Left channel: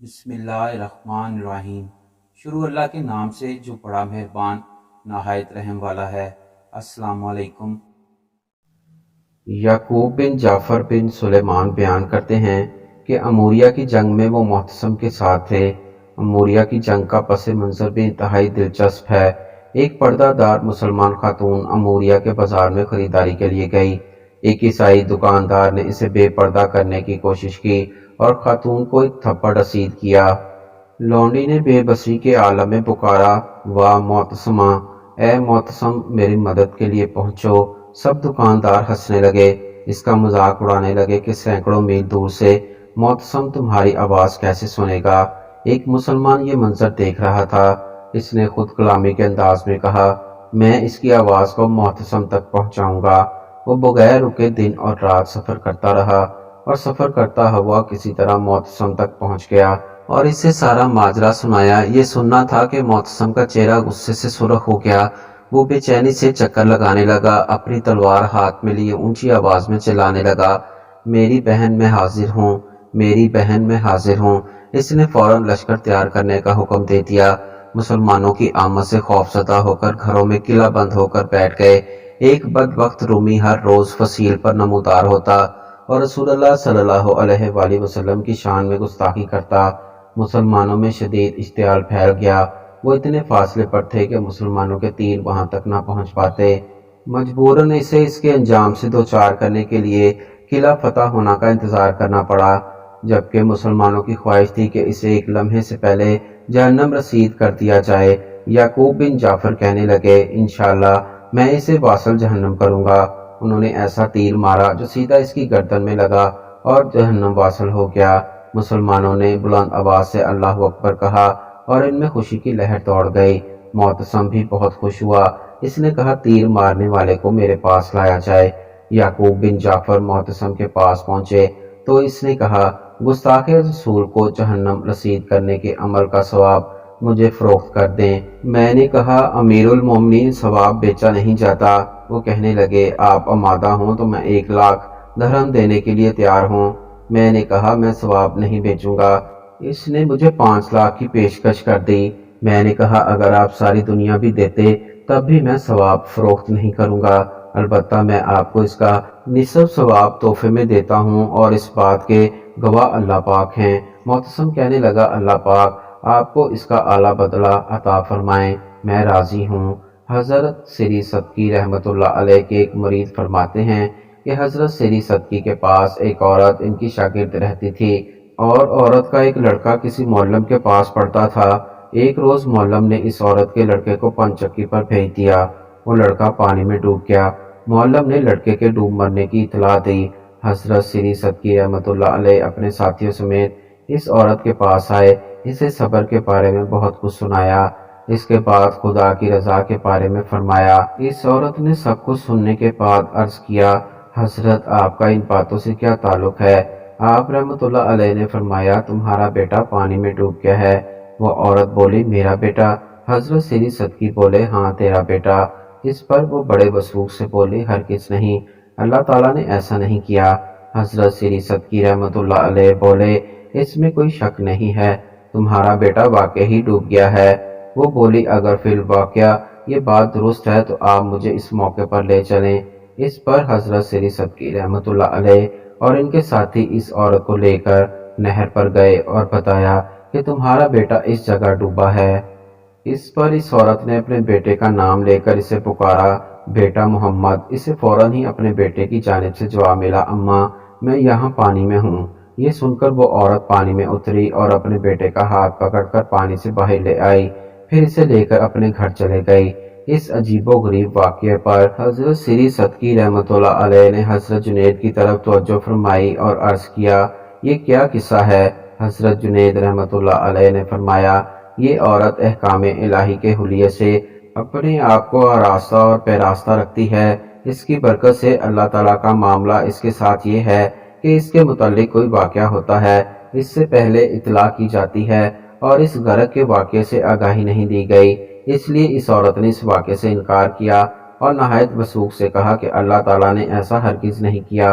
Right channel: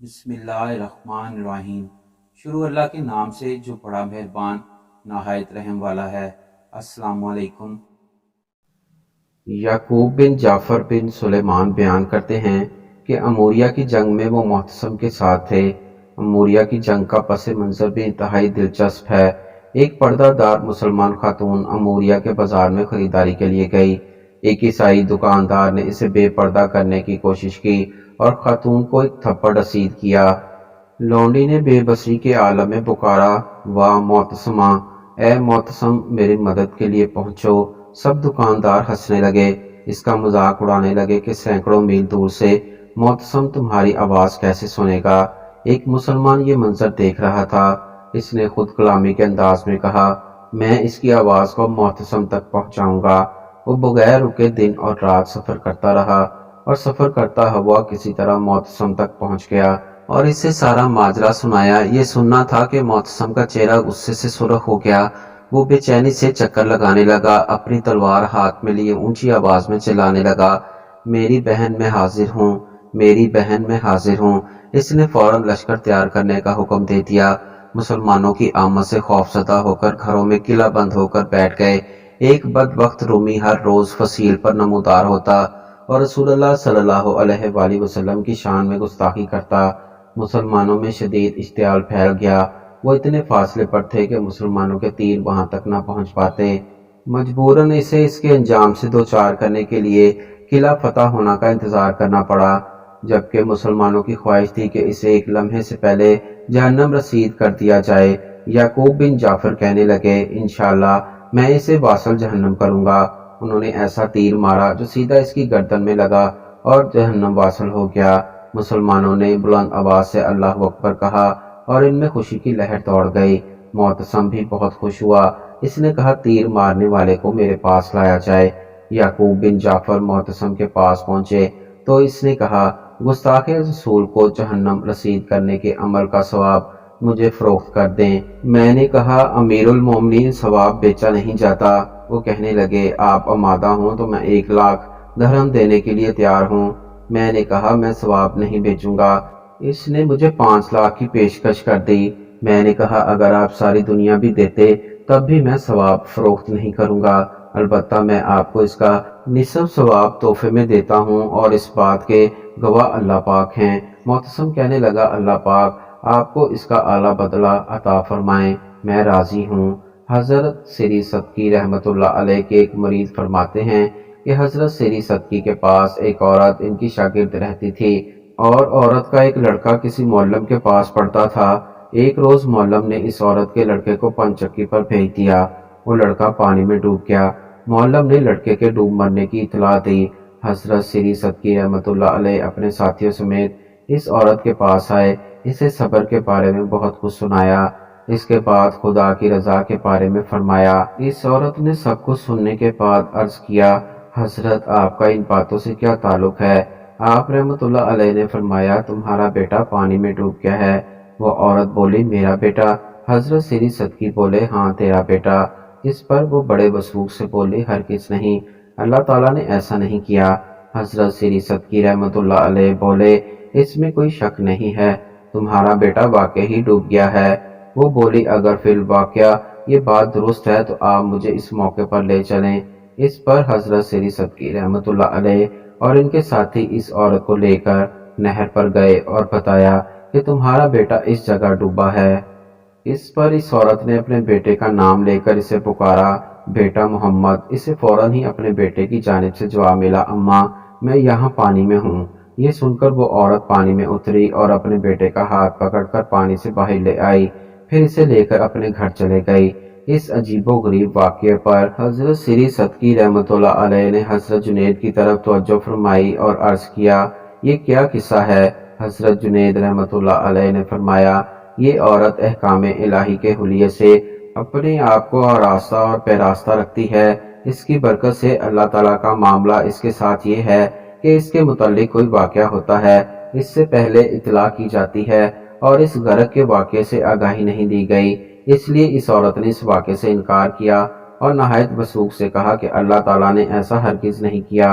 بسم اللہ الرحمن الرحیم۔ شروع اللہ کے نام سے جو بڑا مہربان نہایت رحم والا ہے۔ السلام علیکم۔ یعقوب بن جعفر بن سلیمان بیان کرتے ہیں کہ اموریہ کی جنگ میں وہ معتصم کے ساتھ تھے۔ اموریہ کی جنگ کا پس منظر بھی انتہائی دلچسپ ہے۔ ایک پردہ دار مسلمان خاتون اموریہ کے بازار میں خریداری کے لیے گئی۔ ایک عیسائی دکاندار نے اسے بے پردہ کرنے کی کوشش کی اور خاتون کو ایک تھپڑ رسید کیا۔ لونڈی نے بے بسی کے عالم میں پکارا، واہ معتصمہ، اے معتصم میری مدد کے لیے پہنچو۔ سب دکاندار ہنسنے لگے، اس کا مذاق اڑانے لگے کہ سینکڑوں میل دور سے معتصم تمہاری آواز کیسے سنے گا۔ ایک مسلمان یہ منظر دیکھ رہا تھا۔ اس نے خود کلامی کے انداز میں کہا، میں اس کی آواز کو معتصم تک پہنچاؤں گا۔ وہ بغیر رکے دن اور رات سفر کرتا رہا اور سفر کرتا ہوا کسی طرح معتصم تک پہنچ گیا اور اسے سارا ماجرا سنایا۔ یہ سننا تھا کہ معتصم کا چہرہ غصے سے سرخ ہو گیا۔ وہ بے چینی سے چکر لگانے لگا، اپنی تلوار ہاتھ میں لیے اونچی آواز میں چلانے لگا، میری بہن میں حاضر ہوں، میری بہن میں حاضر ہوں۔ اس نے فوراً لشکر تیار کرنے کا حکم دے دیا۔ مسلمانوں کی آمد سے خوفزدہ ہو کر گھروں میں قلعہ بند ہو کر بیٹھ گئے۔ ایک بدبخت رومی ہر روز فصیل پر نمودار ہوتا اور رسول اللہ صلی اللہ علیہ وآلہ وسلم کی شان میں گستاخی کرتا۔ مسلمانوں میں شدید اشتعال پھیل گیا۔ وہ اتنے فاصلے پر تھے کہ مسلمانوں کے تیر وہاں تک نہ پہنچ پاتے۔ مجبوراً اسے اس کے انجام سے دوچار کرنے کے لیے قلعہ فتح ہونا کا انتظار کرنا پڑا، جبکہ مسلمانوں کی خواہش تھی کہ اسے ایک لمحے سے پہلے جہنم رسید کر دیا جائے۔ یعقوب بن جعفر کہنے لگے، انشاءاللہ میں اسے واصل جہنم کروں گا۔ انہوں نے ایسا تیر مارا جو سیدھا اس کی گردن میں لگا اور جہنم واصل ہو گیا۔ مسلمانوں نے بلند آواز سے اللہ اکبر کہا اور ان میں خوشی کی لہر دوڑ گئی۔ معتصم بھی بہت خوش ہوا۔ اس نے کہا، تیر مارنے والے کو میرے پاس لایا جائے۔ یعقوب بن جعفر معتصم کے پاس پہنچے تو اس نے کہا، گستاخ رسول کو جہنم رسید کرنے کے عمل کا ثواب مجھے فروخت کر دیں۔ میں نے کہا، امیر المومنین ثواب بیچا نہیں جاتا۔ وہ کہنے لگے، آپ آمادہ ہوں تو میں 1,00,000 درہم دینے کے لیے تیار ہوں۔ میں نے کہا، میں ثواب نہیں بیچوں گا۔ اس نے مجھے 5,00,000 کی پیشکش کر دی۔ میں نے کہا، اگر آپ ساری دنیا بھی دیتے تب بھی میں ثواب فروخت نہیں کروں گا، البتہ میں آپ کو اس کا نصف ثواب تحفے میں دیتا ہوں اور اس بات کے گواہ اللہ پاک ہیں۔ معتصم کہنے لگا، اللہ پاک آپ کو اس کا اعلیٰ بدلہ عطا فرمائیں، میں راضی ہوں۔ حضرت سری صدقی رحمۃ اللہ علیہ کے ایک مرید فرماتے ہیں کہ حضرت سری صدقی کے پاس ایک عورت ان کی شاگرد رہتی تھی اور عورت کا ایک لڑکا کسی معلم کے پاس پڑھتا تھا۔ ایک روز معلم نے اس عورت کے لڑکے کو پنچکی پر بھیج دیا۔ وہ لڑکا پانی میں ڈوب گیا۔ معلم نے لڑکے کے ڈوب مرنے کی اطلاع دی۔ حضرت سری صدقی رحمۃ اللہ علیہ اپنے ساتھیوں سمیت اس عورت کے پاس آئے، اسے صبر کے بارے میں بہت کچھ سنایا۔ اس کے بعد خدا کی رضا کے بارے میں فرمایا۔ اس عورت نے سب کچھ سننے کے بعد عرض کیا، حضرت آپ کا ان باتوں سے کیا تعلق ہے؟ آپ رحمۃ اللہ علیہ نے فرمایا، تمہارا بیٹا پانی میں ڈوب گیا ہے۔ وہ عورت بولی، میرا بیٹا؟ حضرت سری صدقی بولے، ہاں تیرا بیٹا۔ اس پر وہ بڑے وثوق سے بولی، ہرگز نہیں، اللہ تعالیٰ نے ایسا نہیں کیا۔ حضرت سری صدقی رحمۃ اللہ علیہ بولے، اس میں کوئی شک نہیں ہے، تمہارا بیٹا واقعی ہی ڈوب گیا ہے۔ وہ بولی، اگر فی الواقعہ یہ بات درست ہے تو آپ مجھے اس موقع پر لے چلیں۔ اس پر حضرت سری صدقی رحمۃ اللہ علیہ اور ان کے ساتھی اس عورت کو لے کر نہر پر گئے اور بتایا کہ تمہارا بیٹا اس جگہ ڈوبا ہے۔ اس پر اس عورت نے اپنے بیٹے کا نام لے کر اسے پکارا، بیٹا محمد۔ اسے فوراً ہی اپنے بیٹے کی جانب سے جواب ملا، اماں میں یہاں پانی میں ہوں۔ یہ سن کر وہ عورت پانی میں اتری اور اپنے بیٹے کا ہاتھ پکڑ کر پانی سے باہر لے آئی، پھر اسے لے کر اپنے گھر چلے گئی۔ اس عجیب و غریب واقعے پر حضرت سری صدقی رحمۃ اللہ علیہ نے حضرت جنید کی طرف توجہ فرمائی اور عرض کیا، یہ کیا قصہ ہے؟ حضرت جنید رحمۃ اللہ علیہ نے فرمایا، یہ عورت احکام الہی کے حلیے سے اپنے آپ کو آراستہ اور پیراستہ رکھتی ہے۔ اس کی برکت سے اللہ تعالیٰ کا معاملہ اس کے ساتھ یہ ہے کہ اس کے متعلق کوئی واقعہ ہوتا ہے، اس سے پہلے اطلاع کی جاتی ہے اور اس غرق کے واقعے سے آگاہی نہیں دی گئی۔ اس لیے اس عورت نے اس واقعے سے انکار کیا اور نہایت وثوق سے کہا کہ اللہ تعالیٰ نے ایسا ہرگز نہیں کیا۔